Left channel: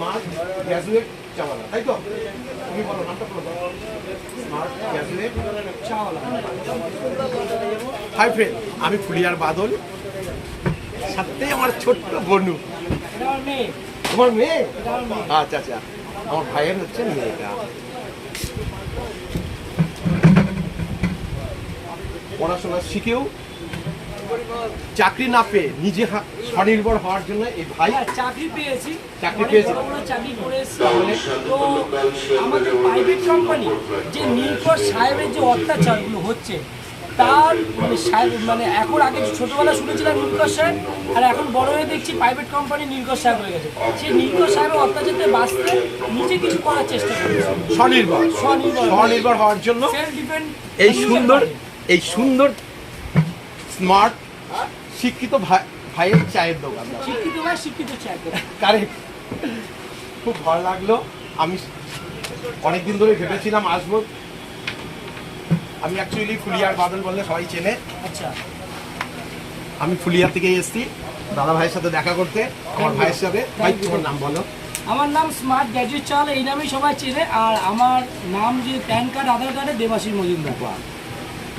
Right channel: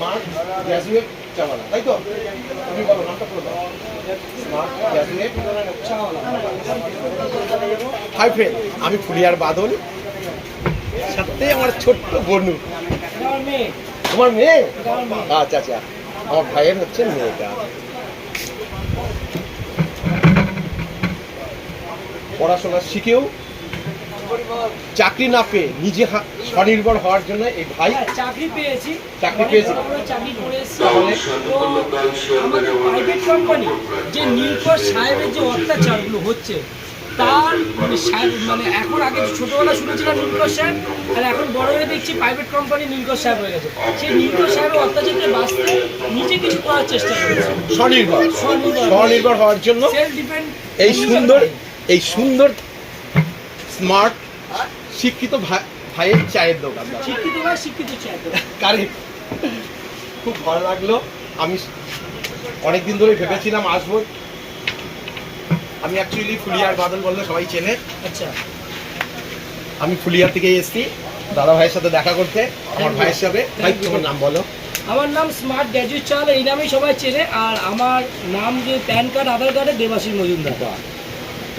Smart graduate চাওয়ালা, তাই তো? তুমি বলো নামটা বলো দাও। স্মার্ট গ্র্যাজুয়েট চাওয়ালা। হাই ফ্রেন্ড, আমি ফুলিয়ার বাদল, সাথে আমার ছোট্ট বনু। তোমার মেয়ে? আচ্ছা আচ্ছা, আমার ভাইয়ের হচ্ছে মেয়েটা। পড়াশোনা শিখেও চাকরি না পেয়ে নিজে স্বনির্ভর হওয়ার জন্য এই ভাই চাকরি পেয়েছি। চাকরি পেয়েছি চাকরি করেছি প্রাইভেট কোম্পানি। যে নীলকর সাহেবের যে অত্যাচারগুলো হচ্ছে তার মানে এখন আগে ছোটবেলা শুনেছিলাম নীলকর সাহেব, আর এখন বড় হয়ে দেখছি প্রাইভেট কোম্পানি নীলকর সাহেব হয়ে গেছে। সেই নীলকর সাহেবের অত্যাচারকে বাঁচতে নিজে কিছু করার চেষ্টা করেছে, স্বনির্ভর হওয়ার জন্য। Self depend. এই সুন্দর স্মার্ট শিক্ষিত ভাইয়ের চায়ের দোকান। শিক্ষিত ভাই শিক্ষিত চায়ের দোকান, কারেক্ট। খুব ভালো লাগলো। আমি অনেকদিন ধরে ভেবেছিলাম আসবো। আমি অ্যাকচুয়ালি ফুলিয়ার বাদল বললে সবাই চেনে। আচ্ছা, আমি ফুলিয়ার থেকে এসেছি দাদা ভাইয়ের সাথে দেখা করতে, আমার ভাইয়ের সাথে। ভাই তোমার নাম বলো? আমার নাম স্মার্ট গ্র্যাজুয়েট চাওয়ালা, এই নামেই সবাই চেনে। আর আমার নাম যে প্যান কার্ড আধার কার্ডে দেবাশিস মজুমদার।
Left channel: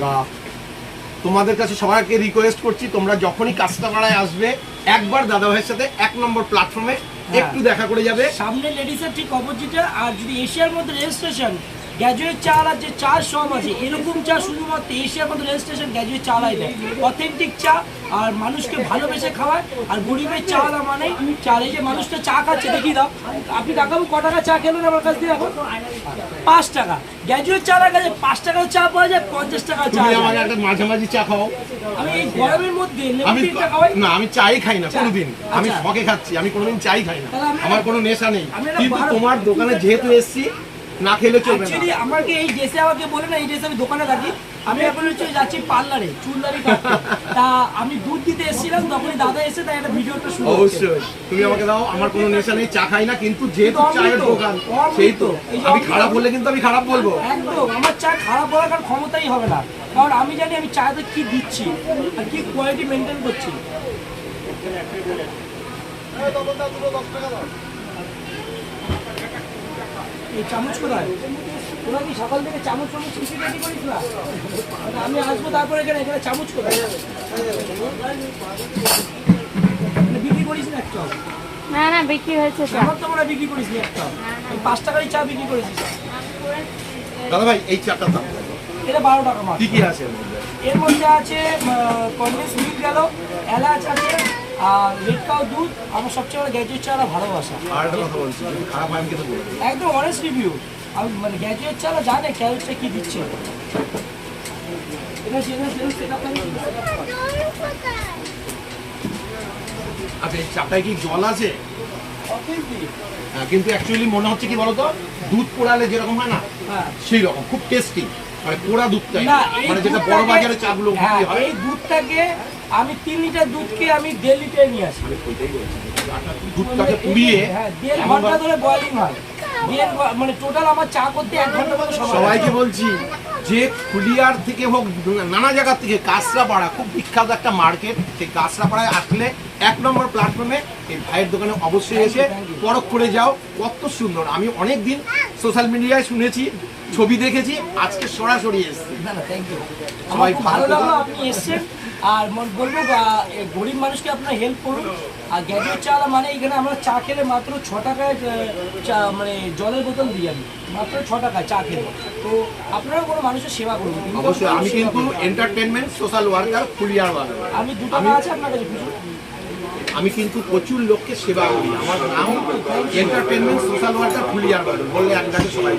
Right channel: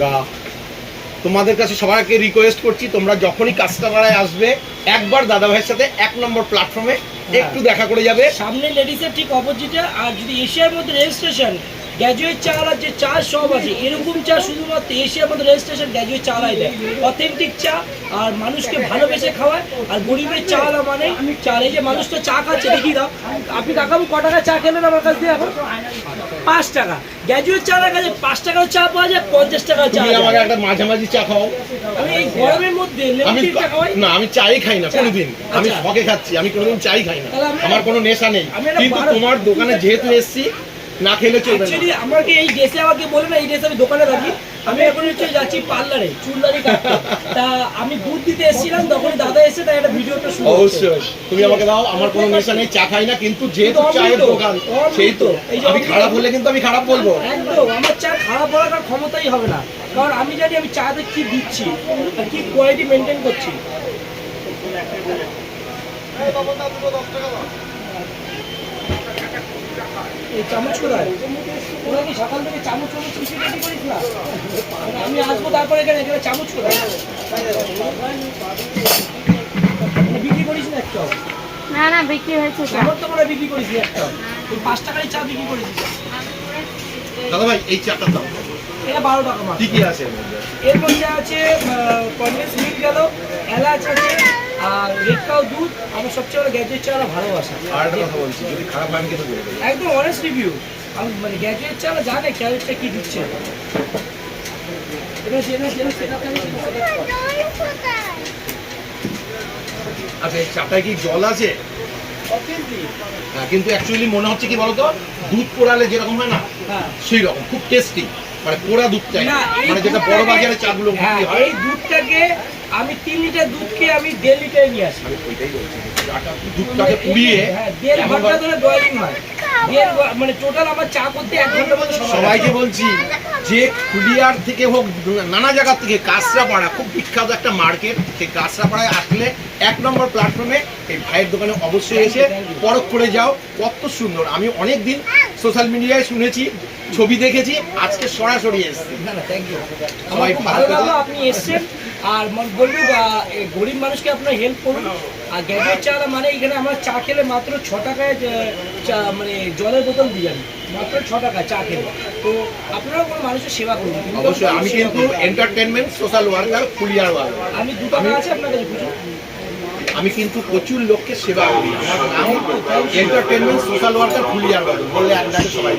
তা তোমাদের কাছে সবাইকে রিকোয়েস্ট করছি, তোমরা যখনই কাস্টমারায় আসবে একবার দাদা ভাইয়ের সাথে 1 নম্বর প্ল্যাটফর্মে একটু দেখা করে যাবে। সামনে লেডিসের ঠিক অপোজিটে। আর যদি এশিয়ার মধ্যে রেজিস্ট্রেশন গ্র্যাজুয়েট চাওয়ালার যে চা সব আছে, এরকম চা শুধুমাত্র এশিয়ার মধ্যে রেজিস্ট্রেশন গ্র্যাজুয়েট চাওয়ালাই দেয়। অথেন্টিক চা, আর মানুষকে ভালোবেসে খাওয়ায়। আর গরিবের চাওয়ালা মানে চা। এই যে মানুষটা চা খাচ্ছে, দেখি দাও আপনি দেখাবো ক টাকা চা খেলেন আমার কাছ দিয়ে? এখন 5 টাকা। গ্র্যাজুয়েট চাওয়ালার কাছে 5 টাকার চা পাওয়া যায়, 50 টাকার চা। তুমি আমাকে একটা মাঝামাঝি চা খাও। আমি এই গরমের মধ্যে না, আমি চাই খাই না কোনোদিন। আমি শখে খাচ্ছি, আমি কোনোদিন চাই খাই না। আমার কোনো নেশা নেই। কিন্তু তোমার দোকানে যেহেতু এসেছি, না খেলে চলবে না। আমাকে এই ড্রেসে আমাকে বলে না, এই ড্রেসে আমি দোকানে থাকি। আমি এখন হচ্ছে যাচ্ছি পার্লারে চুল দাড়ি কাটতে। তা আমি দুধ দিতে এসেছিলাম, তখন দাদা এসে তাই একটা ভিডিওটা শুরু। অবশ্যই তুমি আমাকে দাও। আমার কোনো নেশা নেই, চা খাই না। কিন্তু যেহেতু চায়ের দোকান, সেই তো আমি খারাপ বললে কিন্তু আমি খারাপ বলবো। একদম আমার চা খারাপ বলার কারণ ক্ষমতাই হবে না, কারণ আমি জানি আমি চাতে কি দিচ্ছি আর কি কোয়ালিটি মেনটেন করছি। এই চামচ কোথায়? তোরা কি সকাল থেকে চামচ করিস না? আমি আসবো তারপরে এখানে চামচ কোথায়? বিক্রি করিস না একটু? না না, বিক্রি হয়েছে চা। আমার তো মনে হয় বিক্রি করিস না একটা। 5 টাকারই চা বিক্রি করেছিস। দাদা ভাই এই চাটার দাম এটা 12 টাকা মাত্র। কি কি আছে এর মধ্যে আছে কন্ডেন্স মিল্ক গেল, এলাচ আছে, আর রেড কাউ দুধ। আমার সবচেয়ে বড় গ্র্যাজুয়েট চাওয়ালা ভালোবাসা। আর একটা কথা বলছি, যদি খারাপ হয় আমি কিন্তু বলবো। একদম অনেস্ট রিভিউ। আমি মানে গ্র্যাজুয়েট চাওয়ালা জানে ক্যালোরিটা কি দিচ্ছে। আচ্ছা, এই চাটায় কি জল আছে? হ্যাঁ, কিন্তু অ্যাকচুয়ালি মনে হচ্ছে কি বলতো, দুধ পোড়ালে যেরকম হয় না, সেই রকম খুব টেস্টি। মানে পোড়া দুধটাই, মানে যেটা বড় বাজারে চাগুলো বিক্রি হয়। এই দুধটাকে আমি 3 লিটার দুধকে আমি 1.5 লিটারে নিয়ে আসি। দুধটাকে পুড়িয়ে 1.5 ঘন্টা ধরে বয়লিং হয়। মানে টোটাল আমার চা করতে 1 ঘন্টার মতো সময়। সবাইকে বলছি যে ফুলিয়ার থেকে হোক, নানা জায়গা থেকে, কাঁচরাপাড়া খুব বিখ্যাত একটা মার্কেট। সেই কাঁচরাপাড়ায় আসলে 1 নম্বর প্ল্যাটফর্মে এই ভাইয়ের দোকানে অবশ্যই এসে পরখ করে যাও। কত সুন্দর! আমি অনেক দিন সোশ্যাল মিডিয়ায় শুনেছি, ছবি দেখেছি, আজকে সরাসরি এসেছি। সবাই ভালো লাগলো আপনি এসছেন। আর বলবো গরিব মানুষকে আপনার হেল্প করুন। আর গ্র্যাজুয়েট চাওয়ালা মানে এখানে আমরা চা খেলে মাত্র 6 টাকায় চা, মানে জলের বোতল দিয়ে যাবি মাত্র 6 টাকায় চা খেলে। তো আপনারাও কোনো মানুষের সেবা করুন। অবশ্যই। আমি কিন্তু এন্টারটেনমেন্ট সোশ্যাল ওয়ার্কার ফুলিয়ার ওয়ার্কার। আমি 2 টাকা আছে আপনার কাছে বুঝুন। আমি কিন্তু প্রচুর লোককে সেবা করি। আমার নাম এন্টারটেনমেন্ট সোশ্যাল ওয়ার্কার ফুলিয়ার ওয়ার্কার বললে আপনাকে সবাই